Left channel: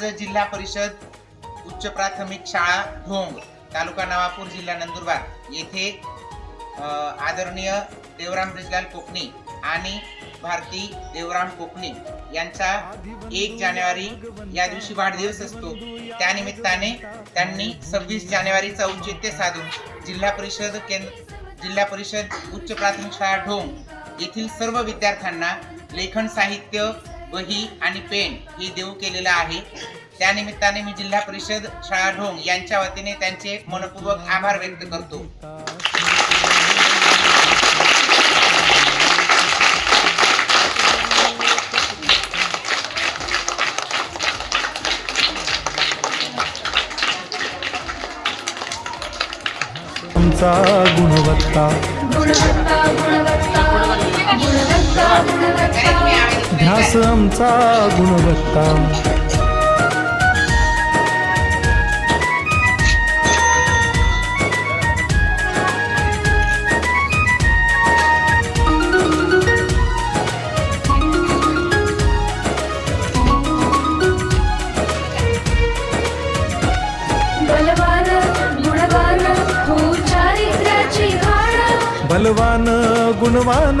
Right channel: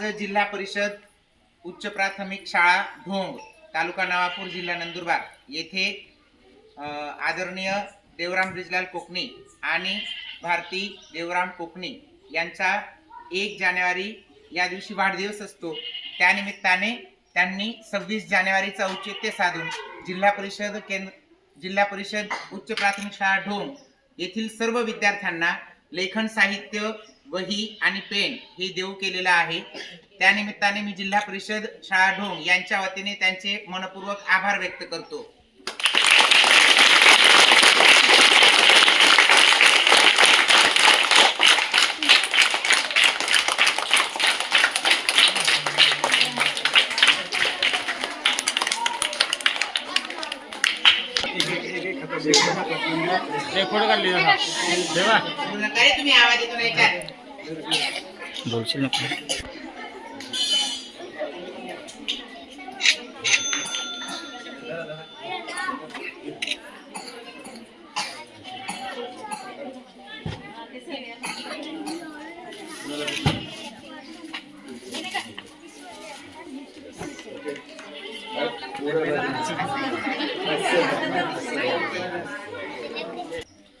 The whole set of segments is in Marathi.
आज जिल्हा परिषद उच्च प्राथमिक शाळा भोंग तालुका नवापूर जिल्हा नंदुरबार. येथे आदरणीय देवराम ब्रिजलाल कोकणी आणि भारती देवराम कोकणी यांचा एक जानेवारी या दिवशी वाढदिवस असतो. त्यानिमित्ताने त्यांनी सव्वीस जानेवारीचा औचित्य साधून जिल्हा परिषद केंद्र जिल्हा परिषद उच्च प्राथमिक शाळा ढोंग येथील सर्व विद्यार्थ्यांना लेखन साहित्य वही आणि पेन हे देऊ केलेलं आहे. त्यानिमित्ताने मी जिल्हा परिषद शाळा ढोंग यांच्या वतीने त्यांचे मनपूर्वक आभार व्यक्त करतो. गुणवत्ता. ध्यास आमचा गुणवत्ता बलवान गुणवान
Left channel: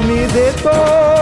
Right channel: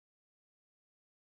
আমি দেতো